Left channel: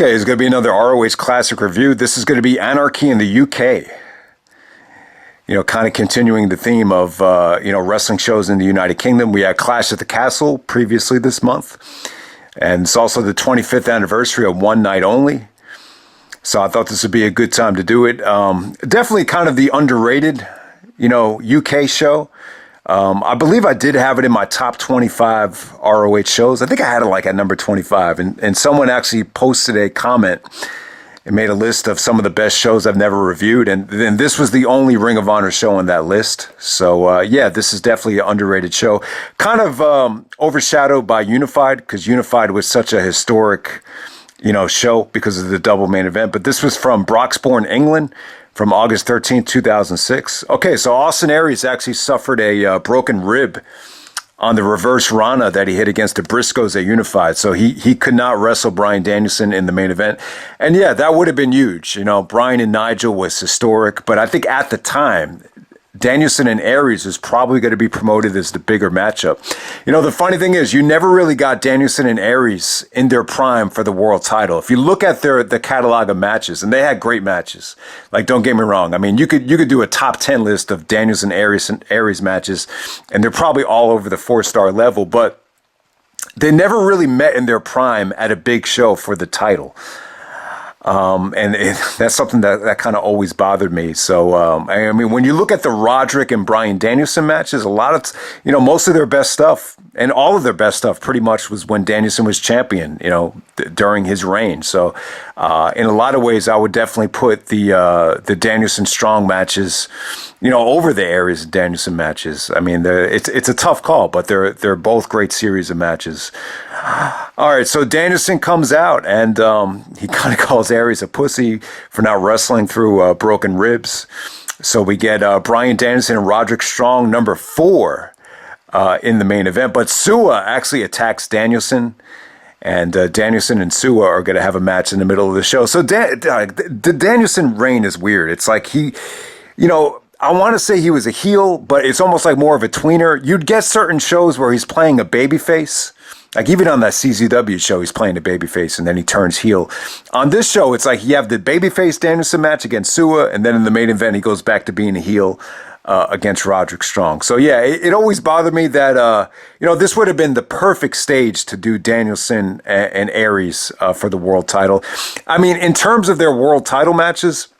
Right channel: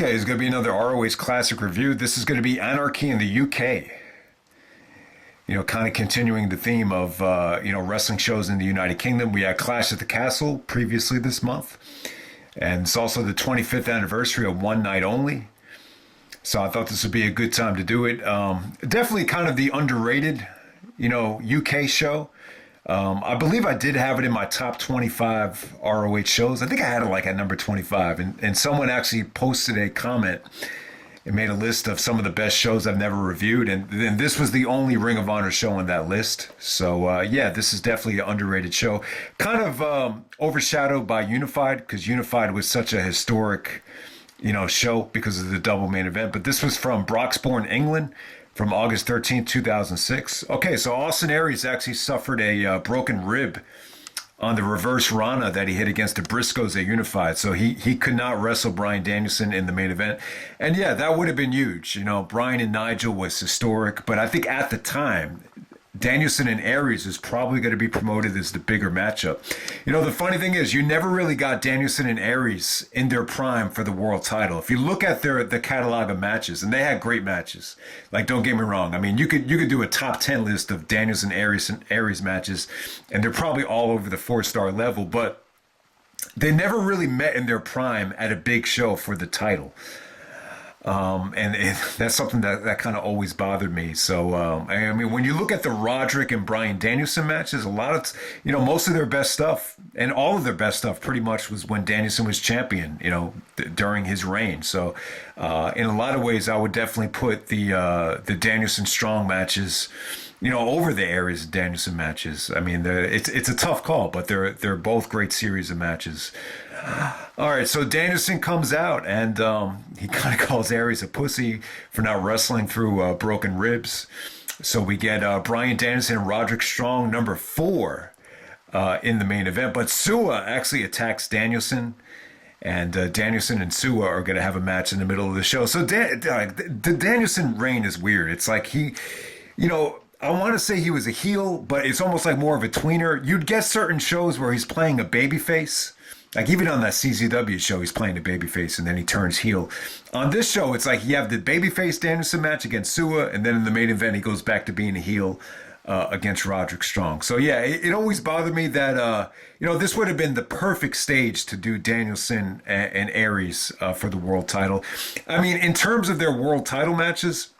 Okay, it's going to be another ROH Classic review. This is going to be Anarchy in the UK. You know, kind of continuing the theme of, wrestling shows in the United Kingdom. We had Clash at the Castle previously this month. And it's also the 25th anniversary of One Night Only. So I thought this would be a good time to do it. Definitely kind of the underrated, UK show. I believe I did have it in my top 25 ROH shows. I think I had it like at number 25. And someone actually posted a comment and made a list of some of the best shows I've never reviewed. And then this was the only Ring of Honor show on that list. So, this is definitely an underrated show. Kind of overshadowed by Unified, because Unified was such a historic, show because of the double main event. But this was from Broxbourne, England, from August 13th, 2006. Okay, so Austin Aries actually suffered a broken rib on the reverse Rana that he hit against the Briscoes at Unified. So he could not wrestle Bryan Danielson in the main event. And yeah, that would have been huge. Bryan and Nigel was historic. But I think at the time, Danielson and Aries was probably going to be promoted as the bigger matchup. The funny thing is, you never really got Danielson and Aries in their prime for the world title. If you look at the catalog of matches, and they had great matches. Like, don't get me wrong. I mean, you could do a top 10 list of Danielson and Aries matches, and they're probably all over the 4-star level, but they never really met in their prime at a big show for the title. That's something that kind of always bothered me. So, when you look at the Roderick and Bryan Danielson matches, a lot of, most of their best stuff and all of their best stuff pretty much was when Danielson was champion, during his reign. So, in a lot of ways, I would definitely put the Danielson Strong matches, over the Aries and Danielson matches. I mean, it's a tough call, but they're both great series of matches. All right, so Danielson comes out and he kind of calls Aries a pussy for not wrestling through broken ribs. So we get Bryan Danielson and Roderick Strong, number 4, in the main event. But SUWA actually attacks Danielson, and Danielson and SUWA are going to have a match in the middle of the show. So the Danielson reign is weird. It's like he, I want to say he was a heel, but it's almost like more of a tweener. You'd get certain shows where he's playing a babyface. Like even on that CZW show, he's playing a babyface and then he turns heel. On this show, it's like you have the babyface Danielson match against SUWA, and then in the main event, he goes back to being a heel against Roderick Strong. So yeah, it always bothered me that, this would have been the perfect stage to do Danielson and Aries for the world title. I mean, in terms of their world title matches,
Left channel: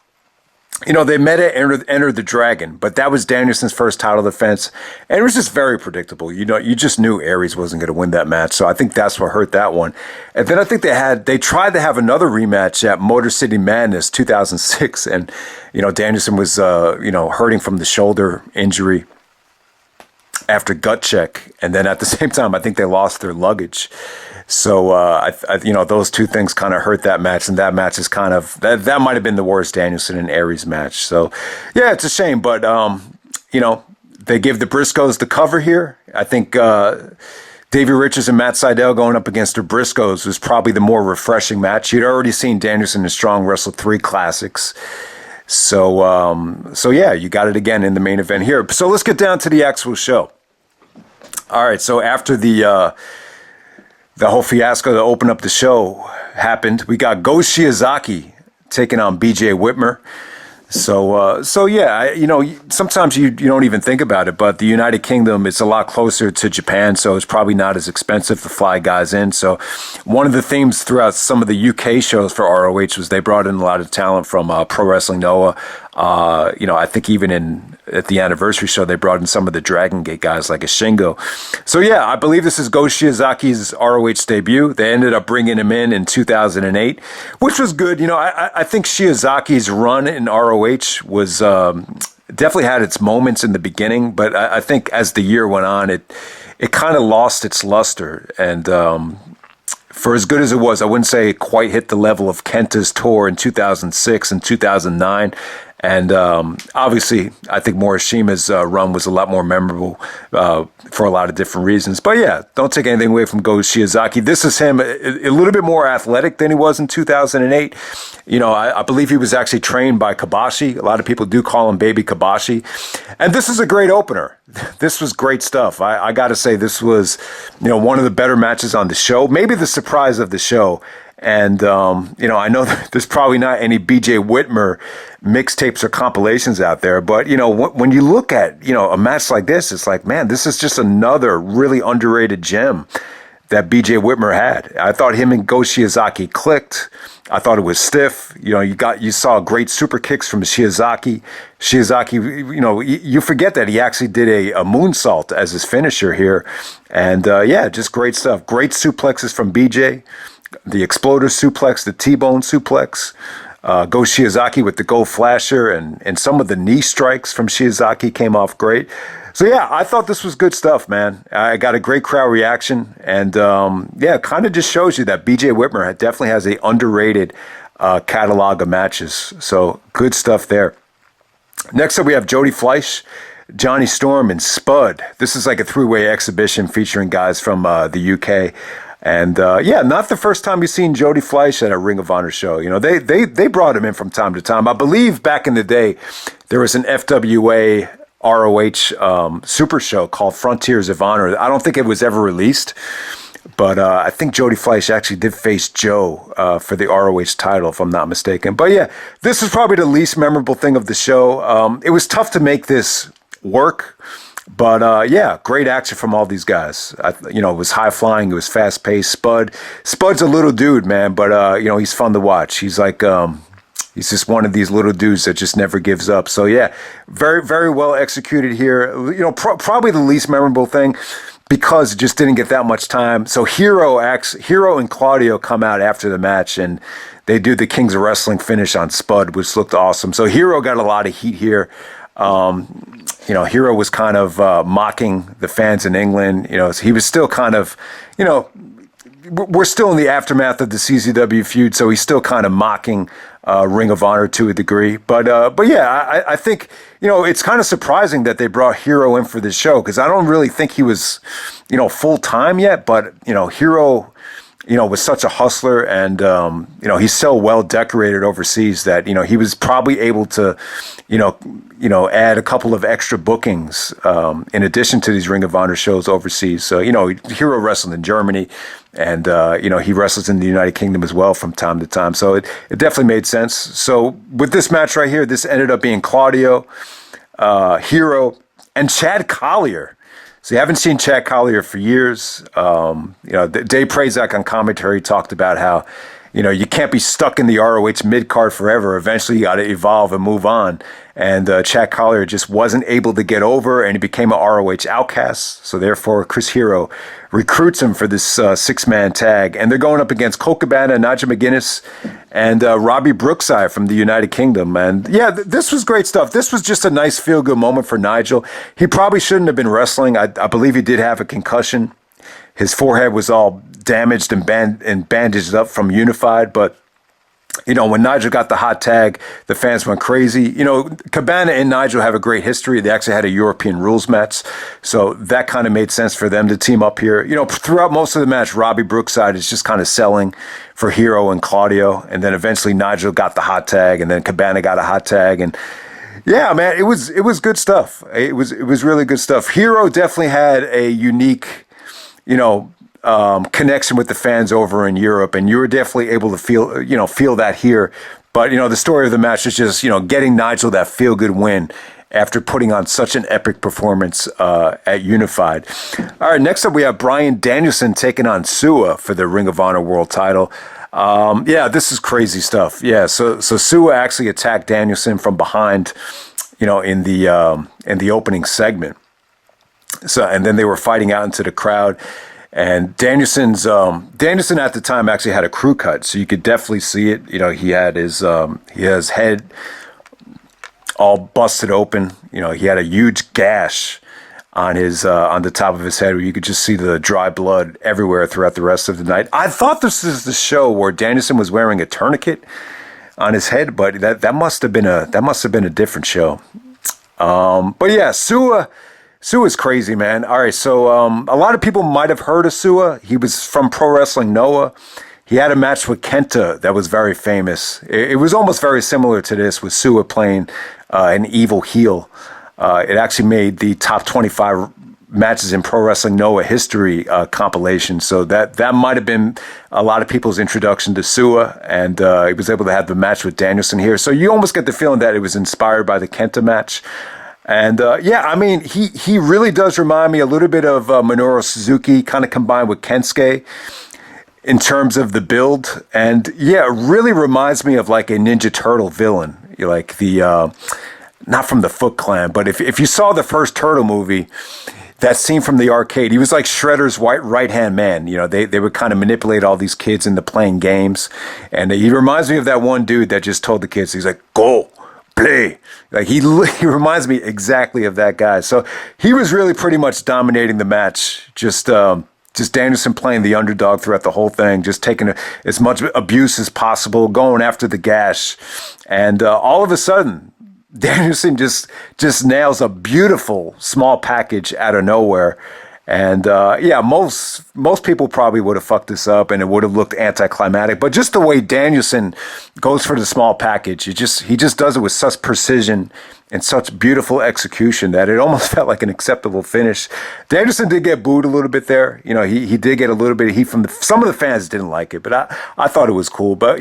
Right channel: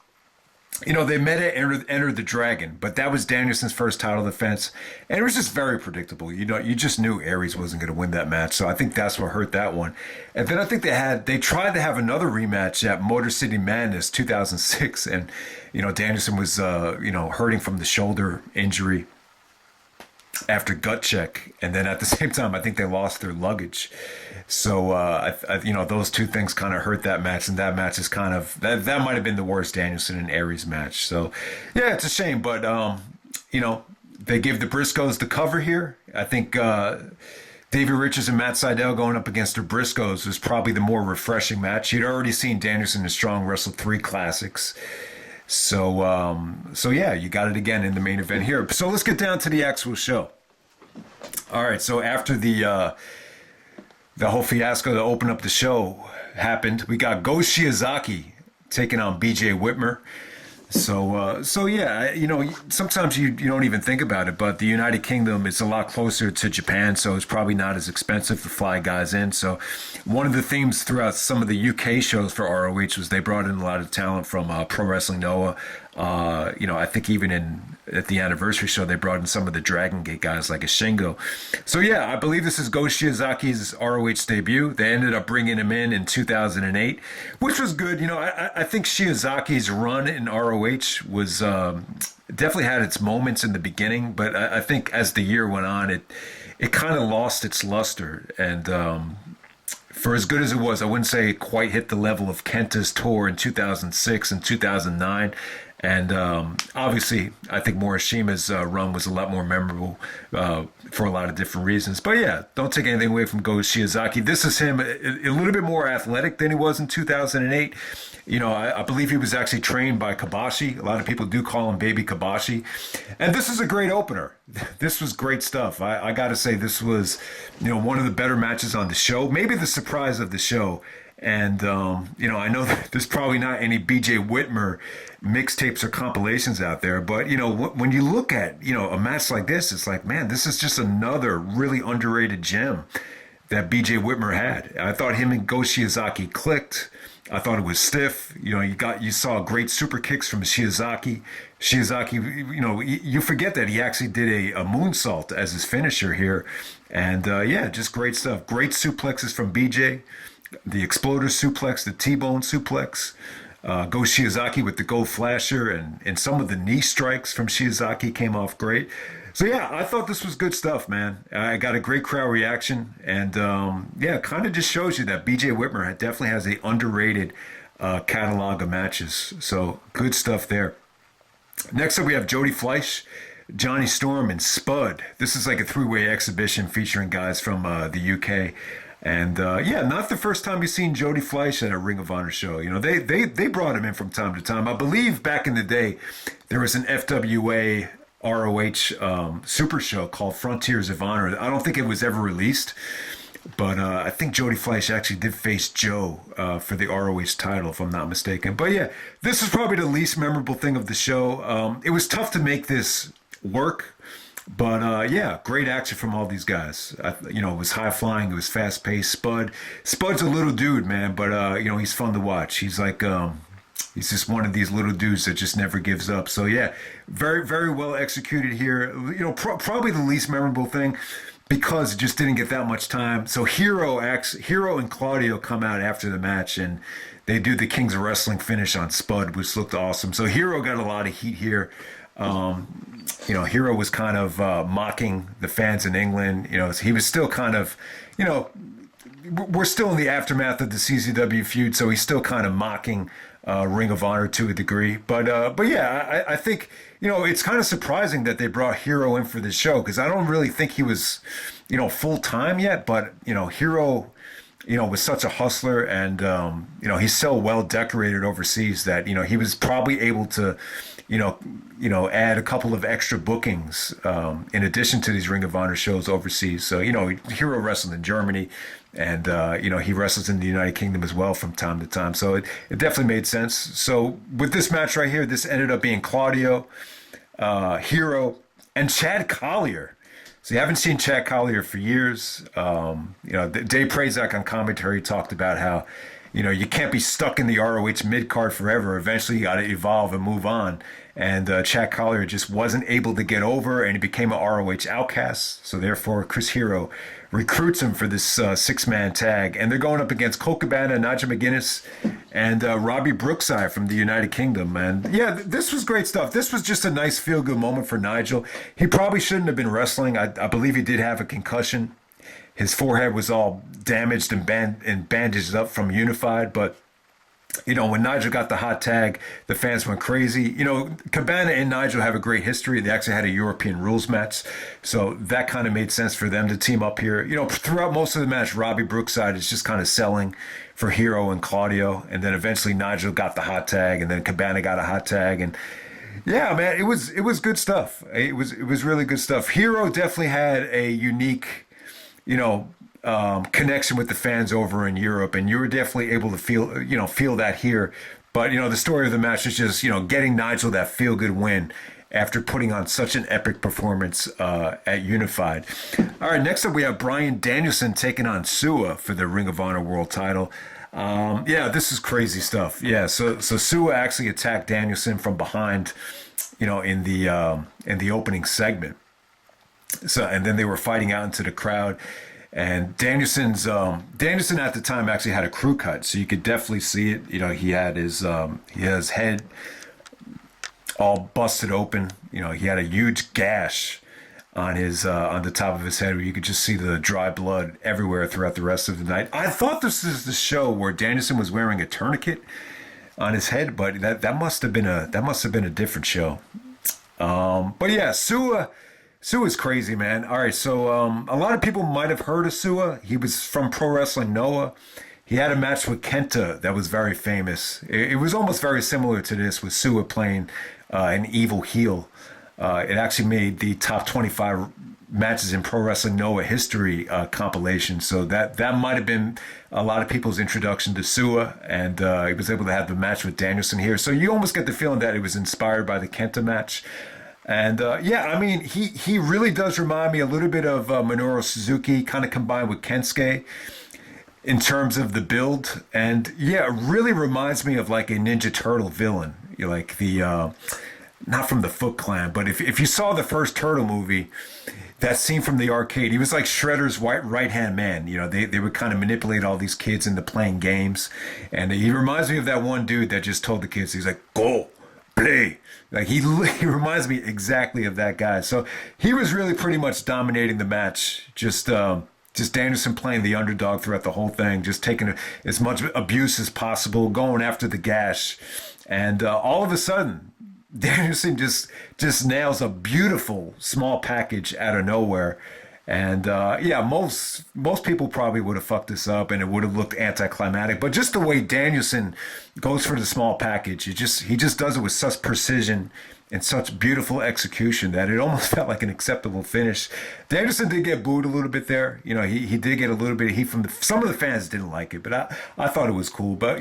they met at Enter the Dragon, but that was Danielson's first title defense, and it was just very predictable. You just knew Aries wasn't going to win that match, so I think that's what hurt that one. And then I think they tried to have another rematch at Motor City Madness 2006, and Danielson was hurting from the shoulder injury after gut check, and then at the same time I think they lost their luggage. So, those two things kind of hurt that match, and that match is kind of, that might have been the worst Danielson and Aries match. So, yeah, it's a shame, but, they give the Briscoes the cover here. I think Davey Richards and Matt Sydal going up against the Briscoes was probably the more refreshing match. You'd already seen Danielson and Strong wrestle 3 classics. So, yeah, you got it again in the main event here. So let's get down to the actual show. All right, so after the whole fiasco to open up the show happened, we got Go Shiozaki taking on BJ Whitmer. So yeah, sometimes you don't even think about it, but the United Kingdom is a lot closer to Japan, so it's probably not as expensive to fly guys in. So one of the themes throughout some of the UK shows for ROH was they brought in a lot of talent from Pro Wrestling Noah. I think even at the anniversary show, they brought in some of the Dragon Gate guys like a Shingo. So yeah, I believe this is Go Shiozaki's ROH debut. They ended up bringing him in 2008, which was good. I think Shiozaki's run in ROH was definitely had its moments in the beginning, but I think as the year went on, it kind of lost its luster. And for as good as it was, I wouldn't say it quite hit the level of Kenta's tour in 2006 and 2009. And obviously, I think Morishita's run was a lot more memorable for a lot of different reasons. But yeah, don't take anything away from Go Shiozaki. This is him a little bit more athletic than he was in 2008. I believe he was actually trained by Kabashi. A lot of people do call him Baby Kabashi. And this is a great opener. This was great stuff. I got to say, this was, one of the better matches on the show. Maybe the surprise of the show. And, I know that there's probably not any BJ Whitmer mixtapes or compilations out there. But, when you look at, a match like this, it's like, man, this is just another really underrated gem that BJ Whitmer had. I thought him and Go Shiozaki clicked. I thought it was stiff. You saw great super kicks from Shiozaki. Shiozaki, you forget that he actually did a moonsault as his finisher here. And, just great stuff. Great suplexes from BJ. The exploder suplex, the T-bone suplex. Go Shiozaki with the Go Flasher, and some of the knee strikes from Shiozaki came off great. So, yeah, I thought this was good stuff, man. I got a great crowd reaction. And, it kind of just shows you that BJ Whitmer definitely has a underrated catalog of matches. So, good stuff there. Next up, we have Jody Fleisch, Johnny Storm, and Spud. This is like a three-way exhibition featuring guys from the UK. And, not the first time you've seen Jody Fleisch at a Ring of Honor show. They brought him in from time to time. I believe back in the day, there was an FWA ROH super show called Frontiers of Honor. I don't think it was ever released, but I think Jody Fleisch actually did face Joe for the ROH title, if I'm not mistaken. But yeah, this is probably the least memorable thing of the show. It was tough to make this work, but great action from all these guys. It was high flying, it was fast paced. Spud's a little dude, man, but he's fun to watch. He's like he's just one of these little dudes that just never gives up. So yeah, very, very well executed here. Probably the least memorable thing because it just didn't get that much time. So Hero and Claudio come out after the match and they do the Kings of Wrestling finish on Spud, which looked awesome. So Hero got a lot of heat here. Hero was kind of mocking the fans in England. He was still kind of, we're still in the aftermath of the CZW feud, so he's still kind of mocking Ring of Honor to a degree. But yeah, I think, it's kind of surprising that they brought Hero in for this show because I don't really think he was, full time yet. But, Hero, was such a hustler and, he's so well decorated overseas that, he was probably able to, add a couple of extra bookings in addition to these Ring of Honor shows overseas. So, Hero wrestled in Germany and, he wrestles in the United Kingdom as well from time to time. So it definitely made sense. So with this match right here, this ended up being Claudio, Hero, and Chad Collyer. So you haven't seen Chad Collyer for years. Dave Prazak on commentary talked about how, you can't be stuck in the ROH mid-card forever. Eventually you got to evolve and move on. And Chad Collyer just wasn't able to get over, and he became an ROH outcast. So therefore, Chris Hero recruits him for this six-man tag. And they're going up against Colt Cabana, Nigel McGuinness, and Robbie Brookside from the United Kingdom. And yeah, this was great stuff. This was just a nice feel-good moment for Nigel. He probably shouldn't have been wrestling. I believe he did have a concussion. His forehead was all damaged and bandaged up from Unified, but when Nigel got the hot tag, the fans went crazy. Cabana and Nigel have a great history. They actually had a European rules match, so that kind of made sense for them to team up here. Throughout most of the match, Robbie Brookside is just kind of selling for Hero and Claudio, and then eventually Nigel got the hot tag, and then Cabana got a hot tag, and yeah, man, it was good stuff. It was really good stuff. Hero definitely had a unique, connection with the fans over in Europe, and you were definitely able to feel that here. But, the story of the match is just, getting Nigel that feel-good win after putting on such an epic performance at Unified. All right, next up we have Bryan Danielson taking on SUWA for the Ring of Honor World title. This is crazy stuff. Yeah, so SUWA actually attacked Danielson from behind, in the opening segment. So, and then they were fighting out into the crowd. And Danielson at the time actually had a crew cut, so you could definitely see it. He had his head all busted open. He had a huge gash on the top of his head where you could just see the dry blood everywhere throughout the rest of the night. I thought this was the show where Danielson was wearing a tourniquet on his head, but that must have been a different show. But yeah, SUWA's crazy, man. All right, so a lot of people might have heard of SUWA. He was from Pro Wrestling Noah. He had a match with Kenta that was very famous. It was almost very similar to this, with SUWA playing an evil heel. It actually made the top 25 matches in Pro Wrestling Noah history compilation. So that might have been a lot of people's introduction to SUWA, and he was able to have the match with Danielson here. So you almost get the feeling that it was inspired by the Kenta match. And yeah, I mean, he really does remind me a little bit of Minoru Suzuki, kind of combined with Kensuke in terms of the build. And yeah, it really reminds me of like a Ninja Turtle villain, like the, not from the Foot Clan, but if you saw the first Turtle movie, that scene from the arcade, he was like Shredder's right-hand man. They would kind of manipulate all these kids into playing games. And he reminds me of that one dude that just told the kids, he's like, go, play. Like he reminds me exactly of that guy. So he was really pretty much dominating the match. Just Danielson playing the underdog throughout the whole thing, just taking as much abuse as possible, going after the gash. And all of a sudden, Danielson just nails a beautiful small package out of nowhere. And yeah, most people probably would have fucked this up and it would have looked anticlimactic. But just the way Danielson goes for the small package, he just does it with such precision and such beautiful execution that it almost felt like an acceptable finish. Danielson did get booed a little bit there. He did get a little bit of heat from some of the fans didn't like it, but I thought it was cool. But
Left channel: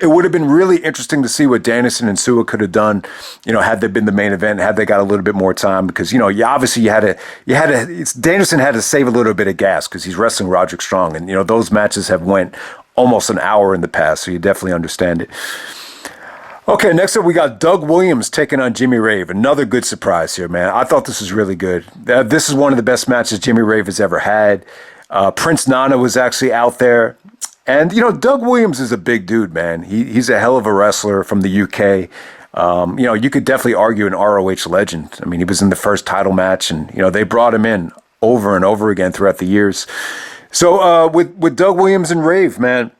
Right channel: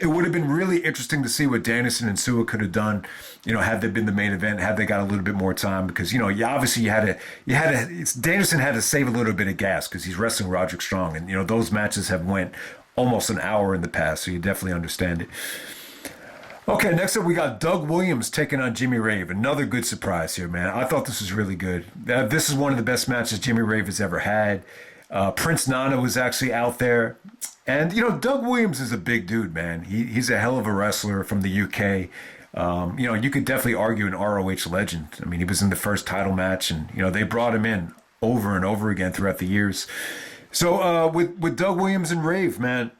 it would have been really interesting to see what Danielson and SUWA could have done, had they been the main event, had they got a little bit more time, because, Danielson had to save a little bit of gas because he's wrestling Roderick Strong. And, those matches have went almost an hour in the past. So you definitely understand it. Okay, next up we got Doug Williams taking on Jimmy Rave. Another good surprise here, man. I thought this was really good. This is one of the best matches Jimmy Rave has ever had. Prince Nana was actually out there. And, Doug Williams is a big dude, man. He's a hell of a wrestler from the UK. You could definitely argue an ROH legend. I mean, he was in the first title match, and, they brought him in over and over again throughout the years. So with Doug Williams and Rave, man,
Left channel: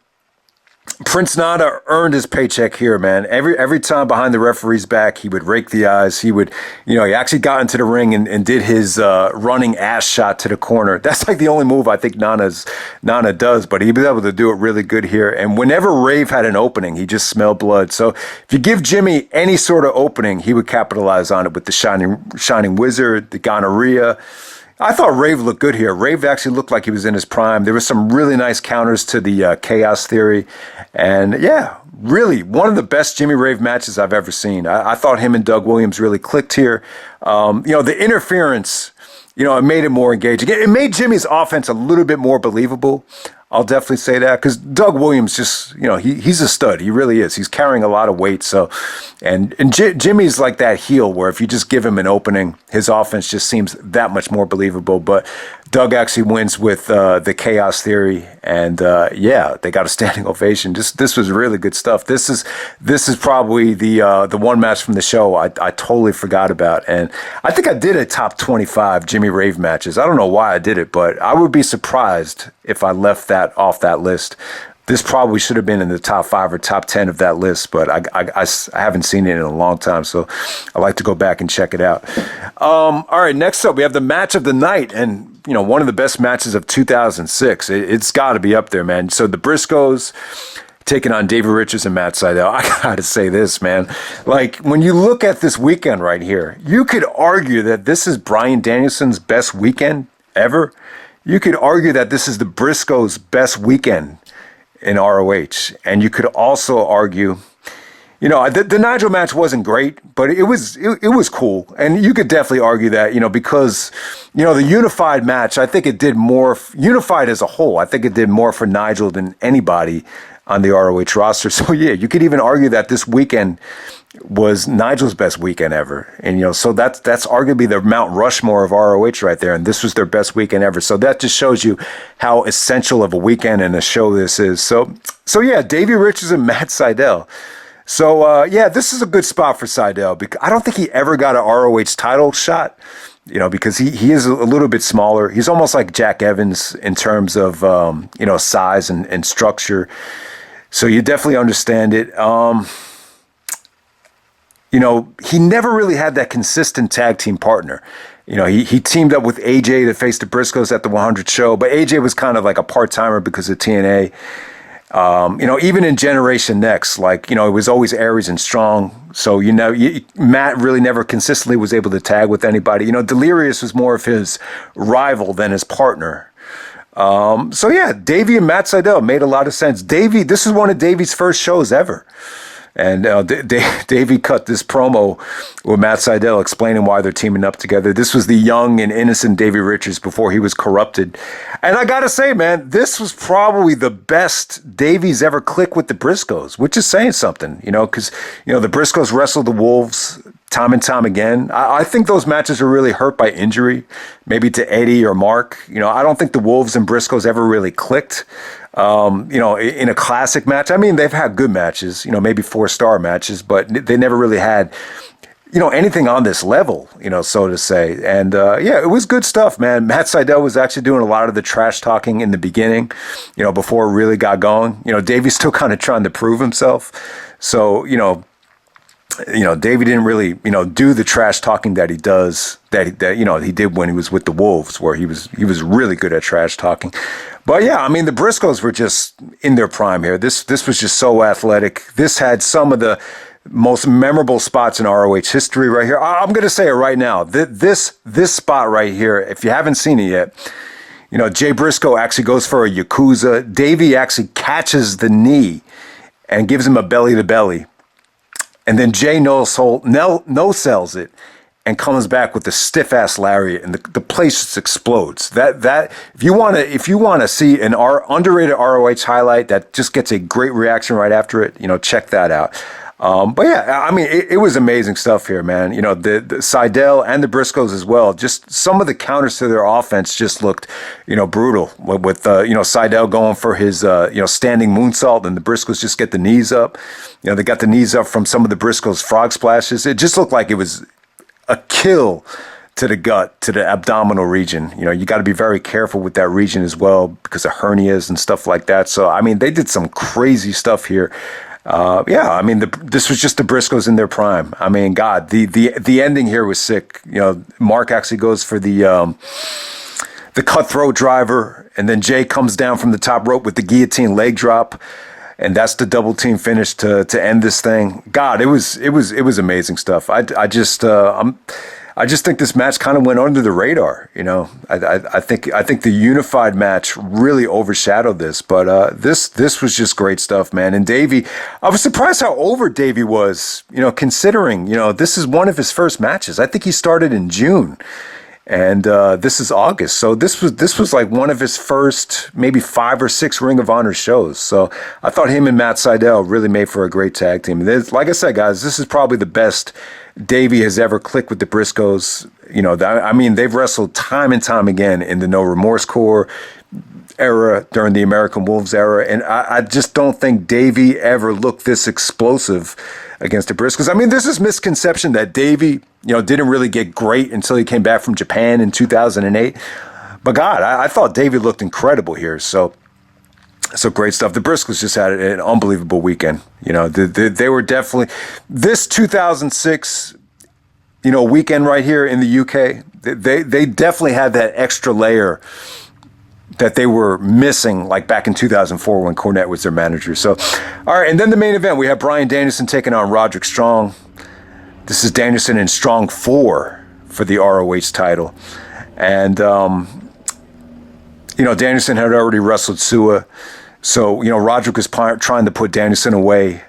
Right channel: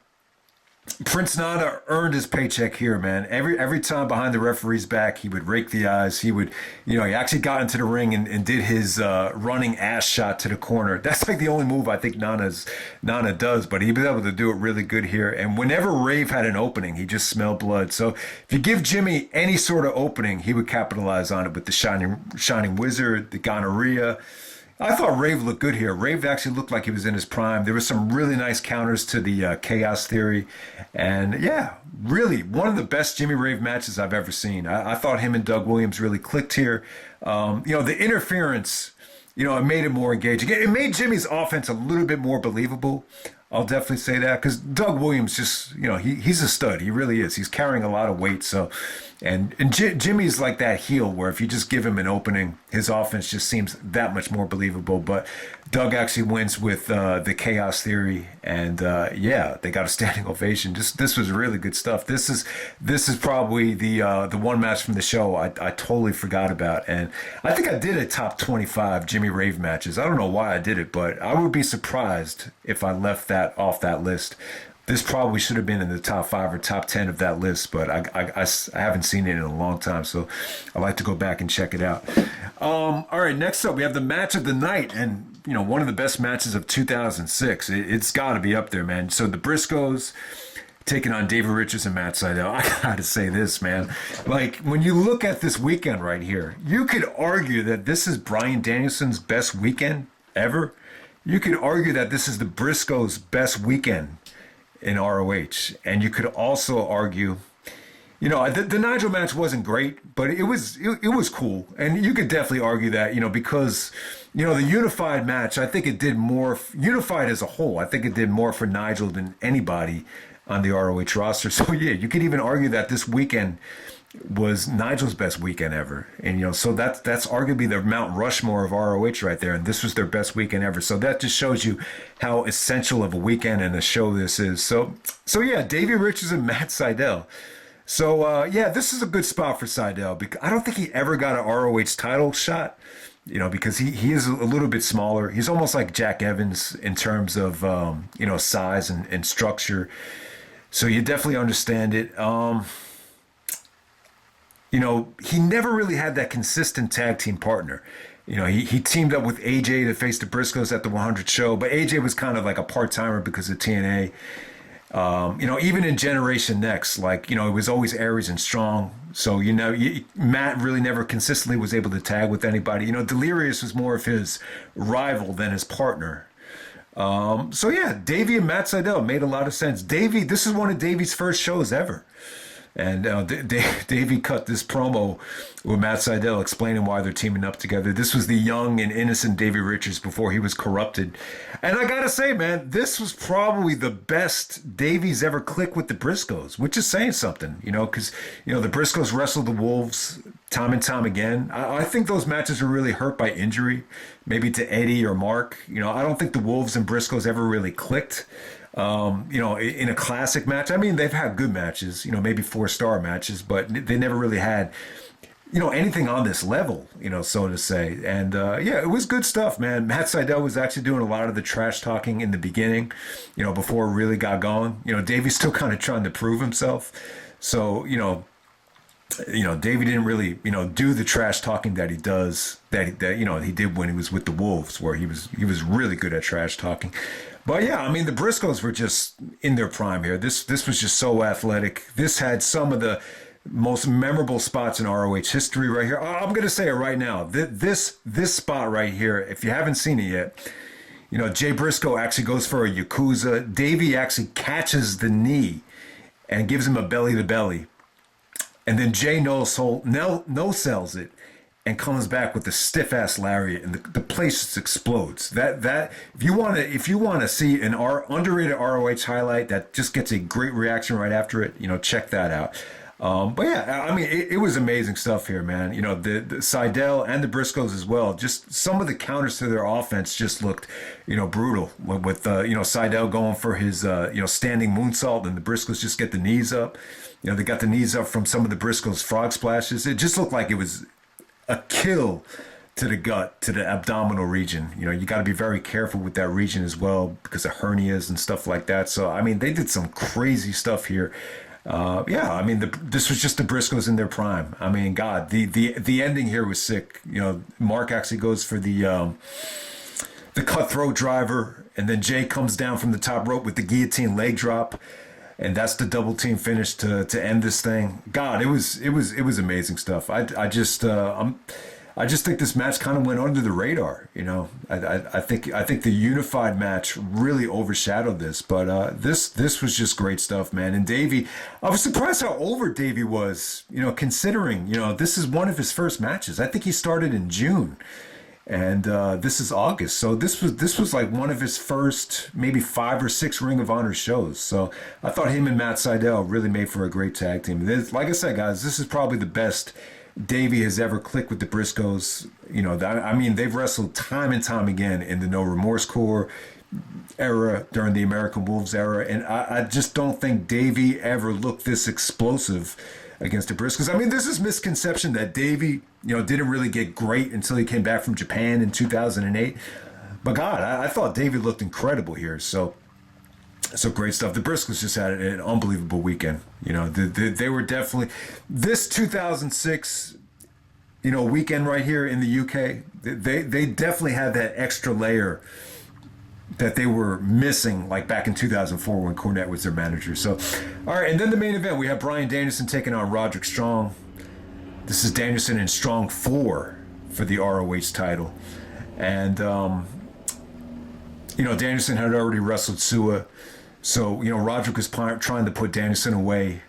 Prince Nana earned his paycheck here, man. Every time behind the referee's back, he would rake the eyes. He would, he actually got into the ring and did his running ass shot to the corner. That's like the only move I think Nana does, but he was able to do it really good here. And whenever Rave had an opening, he just smelled blood. So if you give Jimmy any sort of opening, he would capitalize on it with the Shining Wizard, the gonorrhea. I thought Rave looked good here. Rave actually looked like he was in his prime. There were some really nice counters to the Chaos Theory. And yeah, really one of the best Jimmy Rave matches I've ever seen. I thought him and Doug Williams really clicked here. The interference, it made it more engaging. It made Jimmy's offense a little bit more believable. I'll definitely say that because Doug Williams just, he's a stud. He really is. He's carrying a lot of weight. So, and Jimmy's like that heel where if you just give him an opening, his offense just seems that much more believable. But Doug actually wins with the Chaos Theory, and yeah, they got a standing ovation. This was really good stuff. This is probably the one match from the show I totally forgot about, and I think I did a top 25 Jimmy Rave matches. I don't know why I did it, but I would be surprised if I left that off that list. This probably should have been in the top 5 or top 10 of that list, but I haven't seen it in a long time, so I like to go back and check it out. All right, next up, we have the match of the night, and one of the best matches of 2006. It's got to be up there, man. So the Briscoes taking on Davey Richards and Matt Sydal. I got to say this, man. Like, when you look at this weekend right here, you could argue that this is Bryan Danielson's best weekend ever. You could argue that this is the Briscoes' best weekend in ROH. And you could also argue, the Nigel match wasn't great, but it was cool. And you could definitely argue that, because, the unified match, I think it did more, unified as a whole, I think it did more for Nigel than anybody on the ROH roster. So yeah, you could even argue that this weekend was Nigel's best weekend ever. And, so that's arguably the Mount Rushmore of ROH right there. And this was their best weekend ever. So that just shows you how essential of a weekend and a show this is. So yeah, Davey Richards and Matt Sydal. So yeah, this is a good spot for Sydal because I don't think he ever got an ROH title shot, because he is a little bit smaller. He's almost like Jack Evans in terms of, size and structure. So you definitely understand it. He never really had that consistent tag team partner. He teamed up with AJ to face the Briscoes at the 100 show, but AJ was kind of like a part-timer because of TNA. Even in Generation Next, like, it was always Aries and Strong. So, Matt really never consistently was able to tag with anybody. Delirious was more of his rival than his partner. So yeah, Davey and Matt Sydal made a lot of sense. This is one of Davey's first shows ever. And Davey cut this promo with Matt Sydal explaining why they're teaming up together. This was the young and innocent Davey Richards before he was corrupted. And I got to say, man, this was probably the best Davey's ever clicked with the Briscoes, which is saying something, because, the Briscoes wrestled the Wolves time and time again. I think those matches are really hurt by injury, maybe to Eddie or Mark. I don't think the Wolves and Briscoes ever really clicked. In a classic match. I mean, they've had good matches, maybe 4-star matches, but they never really had, anything on this level, so to say. And it was good stuff, man. Matt Sydal was actually doing a lot of the trash talking in the beginning, before it really got going. Davey's still kind of trying to prove himself. So, Davey didn't really, do the trash talking that he does, that he did when he was with the Wolves, where he was really good at trash talking. But yeah, I mean, the Briscoes were just in their prime here. This was just so athletic. This had some of the most memorable spots in ROH history right here. I'm going to say it right now. This spot right here, if you haven't seen it yet, Jay Briscoe actually goes for a Yakuza. Davey actually catches the knee and gives him a belly-to-belly. And then Jay no-sells it and comes back with the stiff-ass lariat, and the place just explodes. That if you want to see an underrated ROH highlight that just gets a great reaction right after it, check that out. But yeah, I mean, it was amazing stuff here, man. The Sydal and the Briscoes as well. Just some of the counters to their offense just looked, brutal. With Sydal going for his standing moonsault, and the Briscoes just get the knees up. They got the knees up from some of the Briscoes' frog splashes. It just looked like it was a kill to the gut, to the abdominal region. You got to be very careful with that region as well because of hernias and stuff like that. So, I mean, they did some crazy stuff here. I mean, this was just the Briscoes in their prime. I mean, God, the ending here was sick. Mark actually goes for the cutthroat driver, and then Jay comes down from the top rope with the guillotine leg drop. And that's the double team finish to end this thing. God, it was amazing stuff. I just think this match kind of went under the radar. I think the unified match really overshadowed this. But this was just great stuff, man. And Davey, I was surprised how over Davey was. Considering this is one of his first matches. I think he started in June. And this is August, so this was like one of his first maybe 5 or 6 Ring of Honor shows. So I thought him and Matt Sydal really made for a great tag team. Like I said, guys, this is probably the best Davey has ever clicked with the Briscoes. I mean, they've wrestled time and time again in the No Remorse Corps era, during the American Wolves era, and I just don't think Davey ever looked this explosive against the Briscoes. I mean, there's this misconception that Davey, didn't really get great until he came back from Japan in 2008. But God, I thought Davey looked incredible here. So great stuff. The Briscoes just had an unbelievable weekend. They were definitely this 2006, weekend right here in the UK. They definitely had that extra layer that they were missing, like back in 2004 when Cornette was their manager. So, all right, and then the main event, we have Bryan Danielson taking on Roderick Strong. This is Danielson in Strong 4 for the ROH title. And, Danielson had already wrestled SUWA. So, Roderick was trying to put Danielson away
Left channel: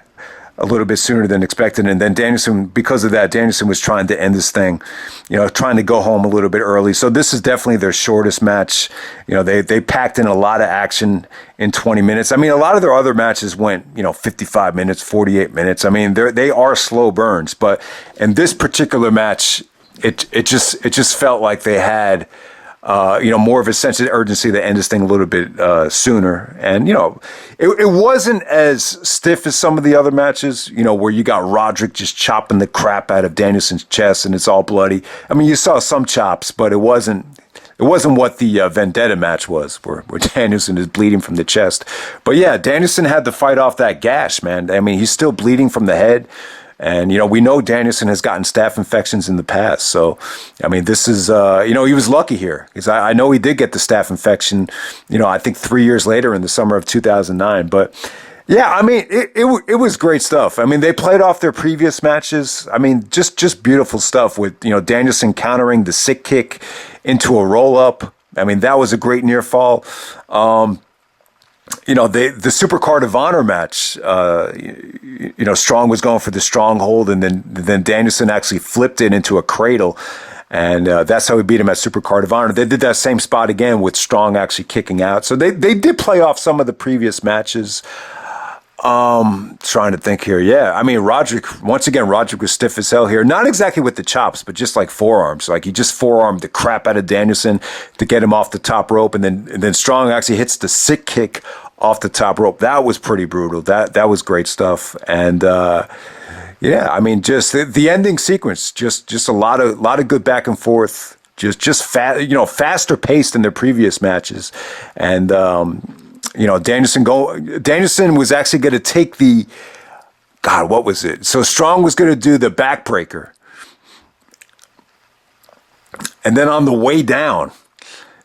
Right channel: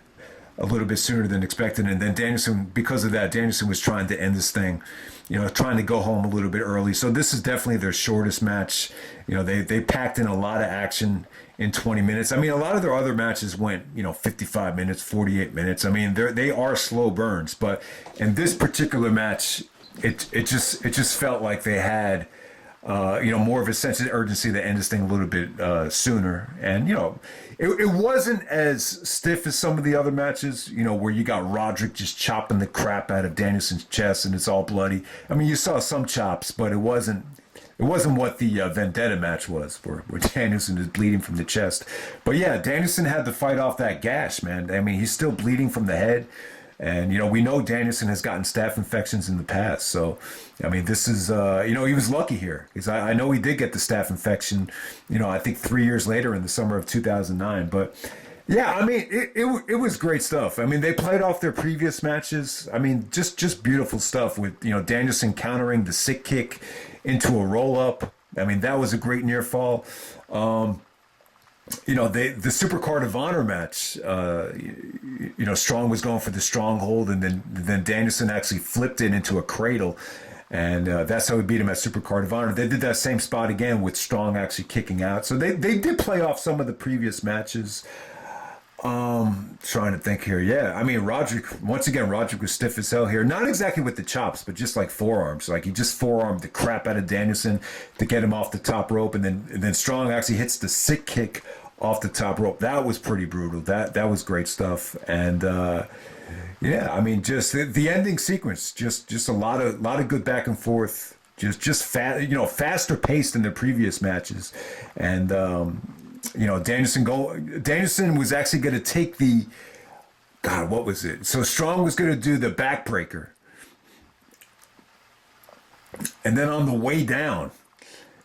a little bit sooner than expected. And then because of that, Danielson was trying to end this thing, trying to go home a little bit early. So this is definitely their shortest match. They packed in a lot of action in 20 minutes. I mean, a lot of their other matches went, 55 minutes, 48 minutes. I mean, they are slow burns, but in this particular match, it just felt like they had, more of a sense of urgency to end this thing a little bit sooner. And, it wasn't as stiff as some of the other matches, where you got Roderick just chopping the crap out of Danielson's chest and it's all bloody. I mean, you saw some chops, but it wasn't what the Vendetta match was, where Danielson is bleeding from the chest. But yeah, Danielson had to fight off that gash, man. I mean, he's still bleeding from the head. And, we know Danielson has gotten staph infections in the past. So, I mean, this is, he was lucky here because I know he did get the staph infection, I think 3 years later in the summer of 2009. But yeah, I mean, it was great stuff. I mean, they played off their previous matches. I mean, just beautiful stuff with, Danielson countering the sick kick into a roll up. I mean, that was a great near fall. The Supercard of Honor match, Strong was going for the stronghold, and then Danielson actually flipped it into a cradle, and that's how he beat him at Supercard of Honor. They did that same spot again with Strong actually kicking out. So they did play off some of the previous matches. Trying to think here. Yeah, I mean, Roderick was stiff as hell here. Not exactly with the chops, but just like forearms. Like he just forearmed the crap out of Danielson to get him off the top rope, and then Strong actually hits the sick kick off the top rope. That was pretty brutal. That was great stuff. And yeah, I mean, just the ending sequence, just a lot of good back and forth. Faster paced than their previous matches, and Danielson was actually going to take what was it? So Strong was going to do the backbreaker. And then on the way down,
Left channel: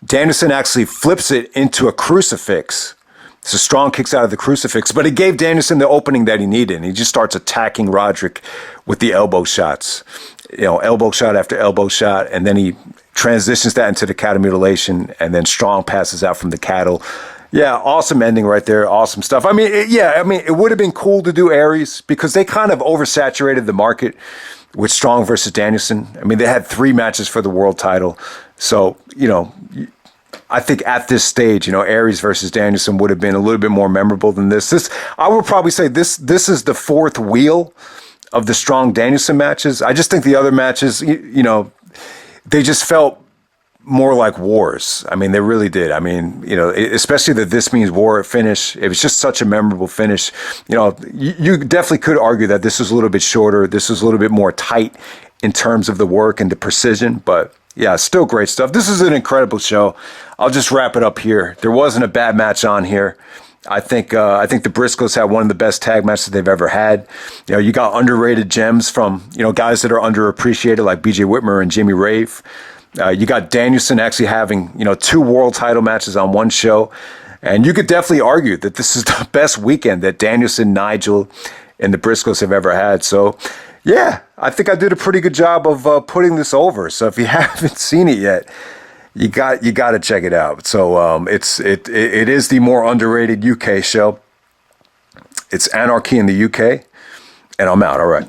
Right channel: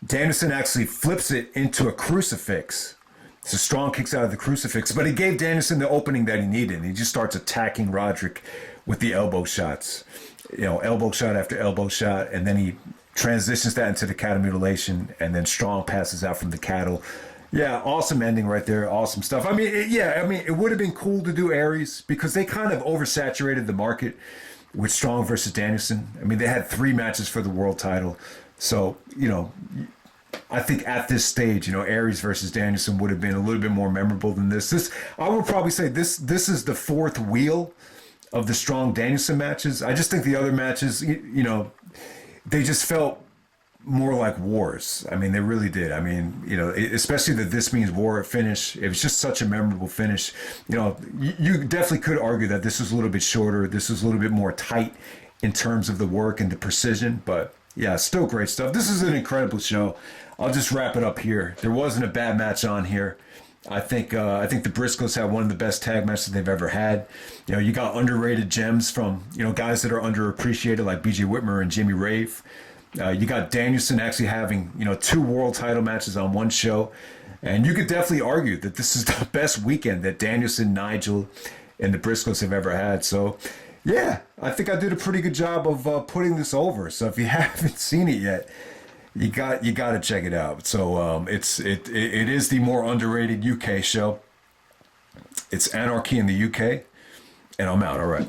Danielson actually flips it into a crucifix. So Strong kicks out of the crucifix, but it gave Danielson the opening that he needed. And he just starts attacking Roderick with the elbow shots, elbow shot after elbow shot. And then he transitions that into the cattle mutilation. And then Strong passes out from the cattle. Yeah, awesome ending right there. Awesome stuff. I mean, it would have been cool to do Aries because they kind of oversaturated the market with Strong versus Danielson. I mean, they had 3 matches for the world title. So, I think at this stage, Aries versus Danielson would have been a little bit more memorable than this. I would probably say this is the 4th wheel of the Strong Danielson matches. I just think the other matches, they just felt more like wars. I mean, they really did. I mean, especially the This Means War finish. It was just such a memorable finish. You definitely could argue that this was a little bit shorter. This was a little bit more tight in terms of the work and the precision. But yeah, still great stuff. This is an incredible show. I'll just wrap it up here. There wasn't a bad match on here. I think the Briscoes had one of the best tag matches they've ever had. You got underrated gems from guys that are underappreciated like BJ Whitmer and Jimmy Rave. You got Danielson actually having, 2 world title matches on one show. And you could definitely argue that this is the best weekend that Danielson, Nigel, and the Briscoes have ever had. So, yeah, I think I did a pretty good job of putting this over. So if you haven't seen it yet, you got to check it out. So it is the more underrated UK show. It's Anarchy in the UK. And I'm out. All right.